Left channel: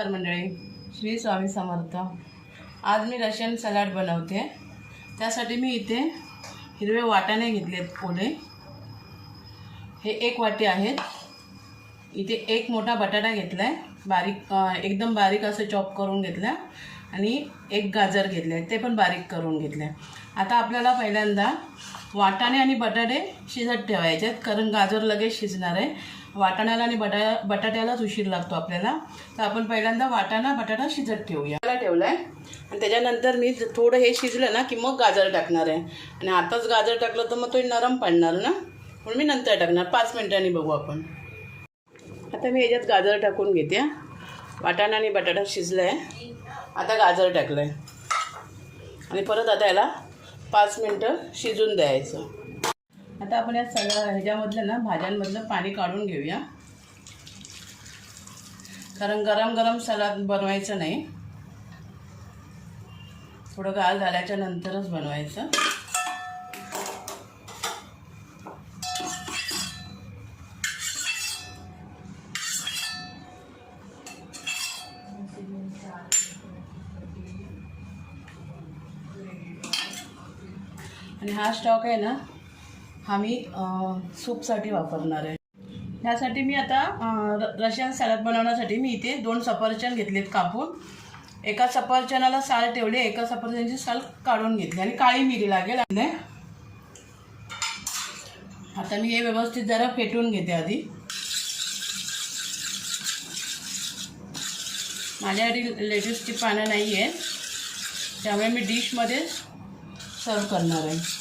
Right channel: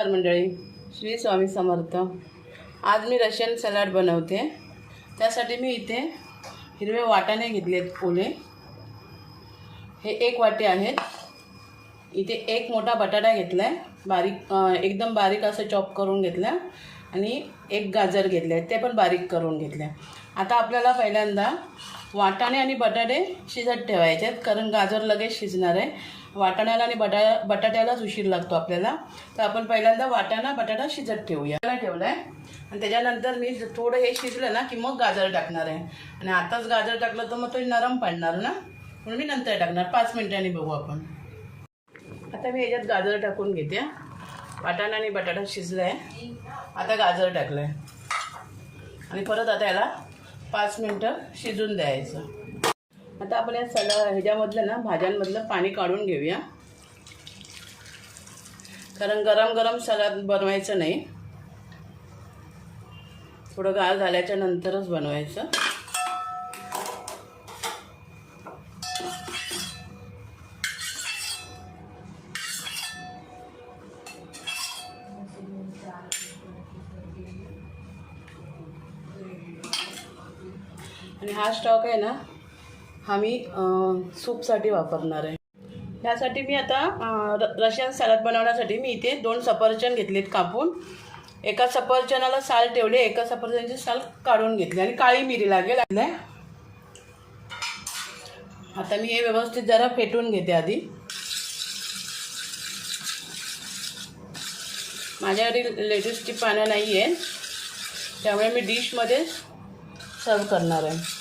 नमस्कार मंडळी. श्री स्वामी समर्थ. आज मी रशियन सलाड बनवते. त्यासाठी मी इथे हिरवे वाटाणे घेतलेत ओले. हे एक वाटी आहेत. इथे एक मोठा बटाटा घेतला आहे बारीक एकदम बारीक असं चॉप करून घेतलं आणि एक गाजर घेतले आहे ते पण बारीक करून घेतले आता आपल्याला पहिल्यांदा वाटाणे आणि बटाटे शिजत ठेवायचे आहेत कारण गाजर लगेच शिजणार आहे. वाटाण्याला आणि बटा बटाट्यालाच उशीर लागतो आपल्याला. तर आपण पहिल्यांदा वाटाणा बटाटा शिजत ठेवूया. त्याला ठेवलं आहे आणि त्याच्यानंतर मी थोडं हे शिजलं ना की मग गाजर टाकणार आहे. आणि आताच गाजर टाकलं तर मग तो नरम पडणार ना? म्हणून मी नंतर टाकणार. पाच मिनिटांनी बघू आपण. आता मी याच्यात गाजर टाकून घेते वाटाणा आणि बटाटा शिजलं आहे आता गाजर टाकलं आहे आणि परत आता याला पाच मिनटं शिजून द्यायचं. आता आपण या सगळ्या ह्याच्यामधलं ना भाज्यांमधलं पाणी काढून घेऊया. कारण गरम गरम सलाद बनवायचं नाही. थोडं गाळ झाल्याच्या नंतरच बनवायचं. आणि हा स्टॉक आहे ना हा मी सूपसाठी वापरणार आहे. त्यासाठी मी आता रशियन सॅलड बनवण्यासाठी मी इथे दोन सफरचंद घेतलेत कापून. एका सफरचंदाला साल ठेवले एका सफरचंदाची साल काढून घेतली आणि काळी मिरी लागेल. आता मी हे व्यवस्थित जरा फेटून घेते आधी. माझ्याकडे लेटेस्टची पानं नाही आहे त्यामुळे मी डिशमध्ये सर्व करणार आहे.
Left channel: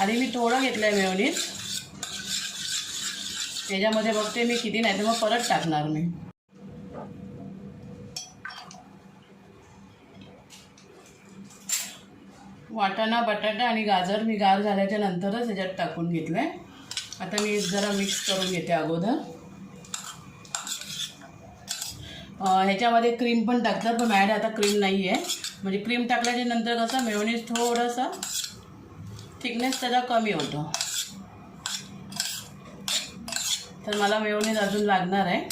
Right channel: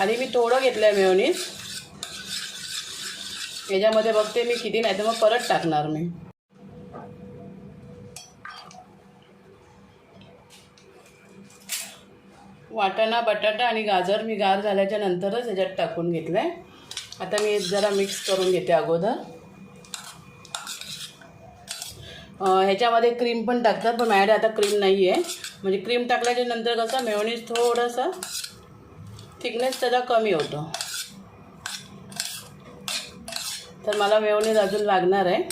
आणि मी थोडं घेतलं आहे मेयोनीज. याच्यामध्ये बघते मी किती नाही तर मग परत टाकणार मी. वाटाणा बटाटा आणि गाजर मी गार झाल्याच्या नंतरच ह्याच्यात टाकून घेतलं आहे आता मी जरा मिक्स करून घेते अगोदर. ह्याच्यामध्ये क्रीम पण टाकतात पण माझ्याकडे आता क्रीम नाही आहे म्हणजे क्रीम टाकल्याच्या नंतर कसं मेवणीस थोडंसं थिकनेस त्याचा कमी होतो. तर मला मेयोनीज अजून लागणार आहे.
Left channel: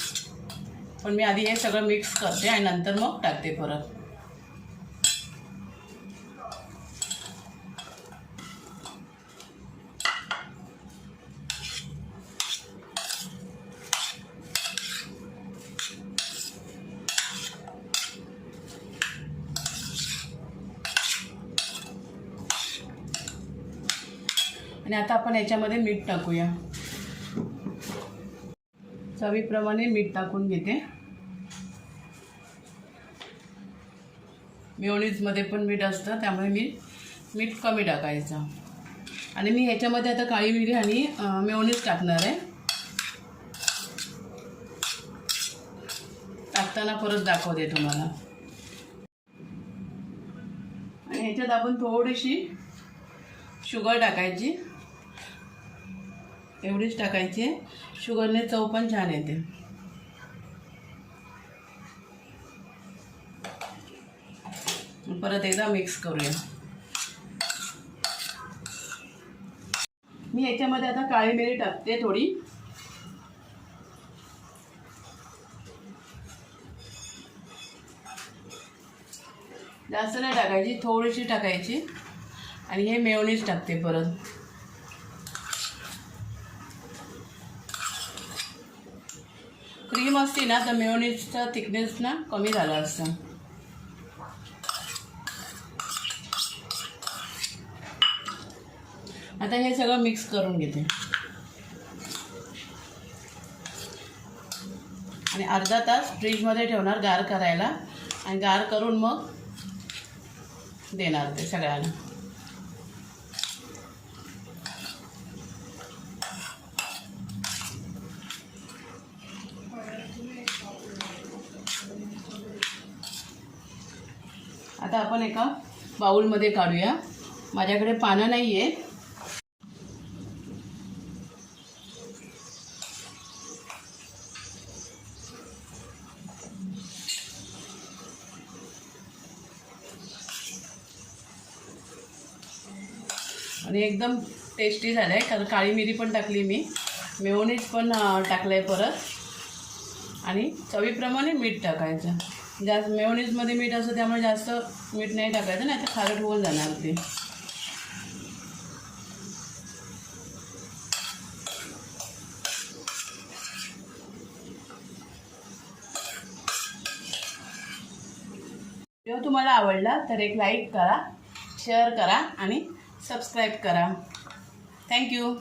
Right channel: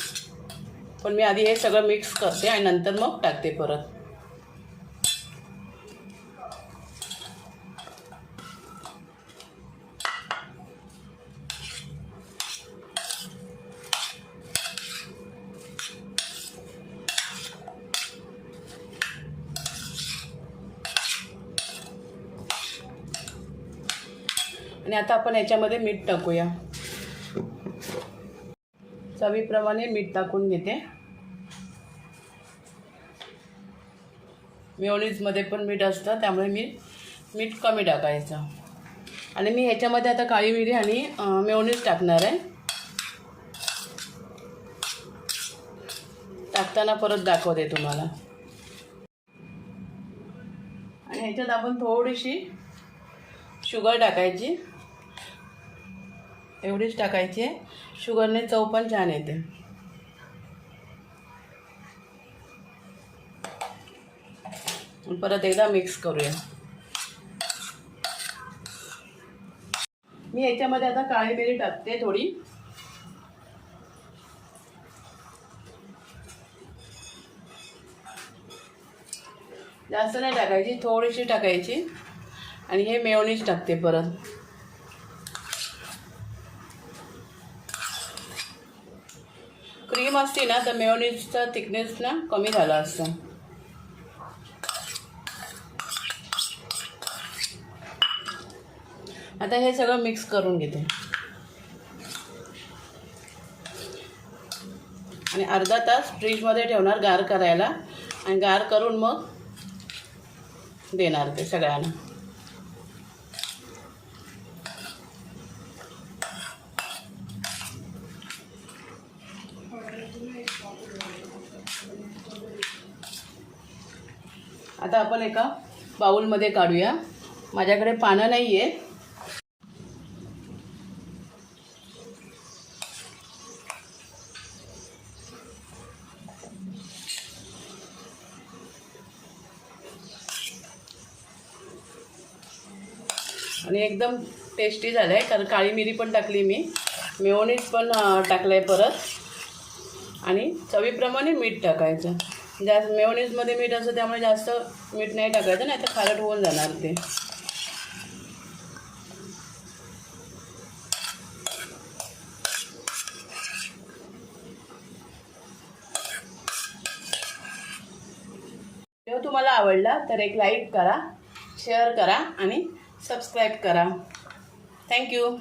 पण मी आधी हे सगळं मिक्स करते आणि नंतर मग टाकते परत. आणि आता आपण याच्यामध्ये मीठ टाकूया. चवीप्रमाणे मीठ टाकून घेते. मेवणीजमध्ये पण मीठ असतं त्यामुळे मी मीठ कमी टाकायचं. आणि मी ह्याच्यामध्ये आता काळी मिरी आणि मेयोनीज टाकणार आहे. टाकताना परत दाखवते तुम्हाला. आणि ह्याच्यात आपण थोडीशी शुगर टाकायची. एवढीच टाकायची. शुगरने चव पण छान येते. परत एकदा मिक्स करूया. मी याच्यामध्ये आता काळी मिरी टाकते थोडी. जास्त नाही टाकायची थोडीशी टाकायची. आणि हे मेवणीच टाकते परत. क्रीम असते ना तर मेयोनीजचा थिकनेस ना कमी झाला असतं. आता हे सगळं मिक्स करून घेते. आणि अर्धा तास फ्रीजमध्ये ठेवणार गार करायला. आणि गार करून मग देणार ते सगळ्यांना. आता आपण एका बाऊलमध्ये काढूया. माझ्याकडे पानं नाही आहे आणि एकदम टेस्टी झालं आहे कारण काळी मिरी पण टाकली मी. मेयोनीज पण टाकलं आहे परत. आणि चवीप्रमाणे मीठ टाकायचं. जास्त मेयोनीजमध्ये मीठ असतं त्यामुळे जास्त मीठ नाही टाकायचं नाही तर खारट होऊन जाणार ते. व्हिडिओ तुम्हाला आवडला तर एक लाईक करा शेअर करा आणि सबस्क्राईब करा. थँक्यू.